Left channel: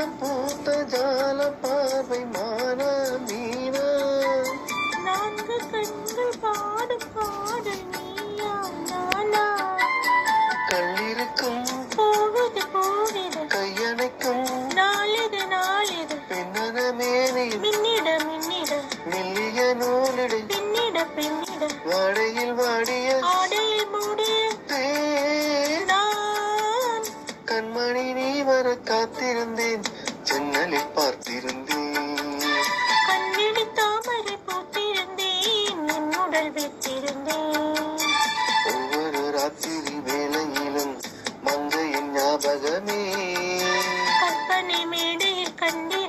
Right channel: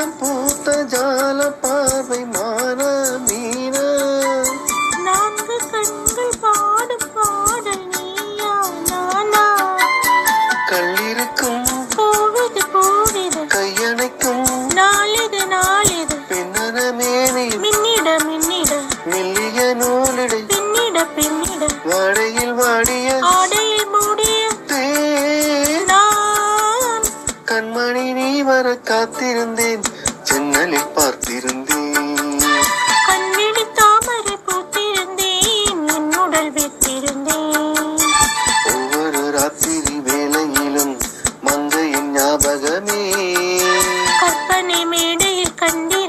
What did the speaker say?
ஜாலம் பூத்த ஜால பார்வை மான மீன நான்கு கண்கள் பாடும் பாடல் நீயா நானா கள்ளிருக்கும் பூவிது பூவிது கையணைக்கும் நாளிது நாளிது பின்னன மேனி மின்னிட மின்னிட மெல்லிய நூலிடை பின்னிட பின்னிட வாடையில் வாடிய ஆடையில் மூடிய நான் கண்மணி நீ வர காத்திருந்தேன் ஜன்னலில் பார்த்திருந்தேன் கண்விழி தாமரை பூத்திருந்தேன் என் உடல் விட்டிருந்தேன் ஒவ்வொரு ராத்திரி வேளையிலும் மங்கையின் ஞாபகமே கற்பனை மேடையில் கண்டு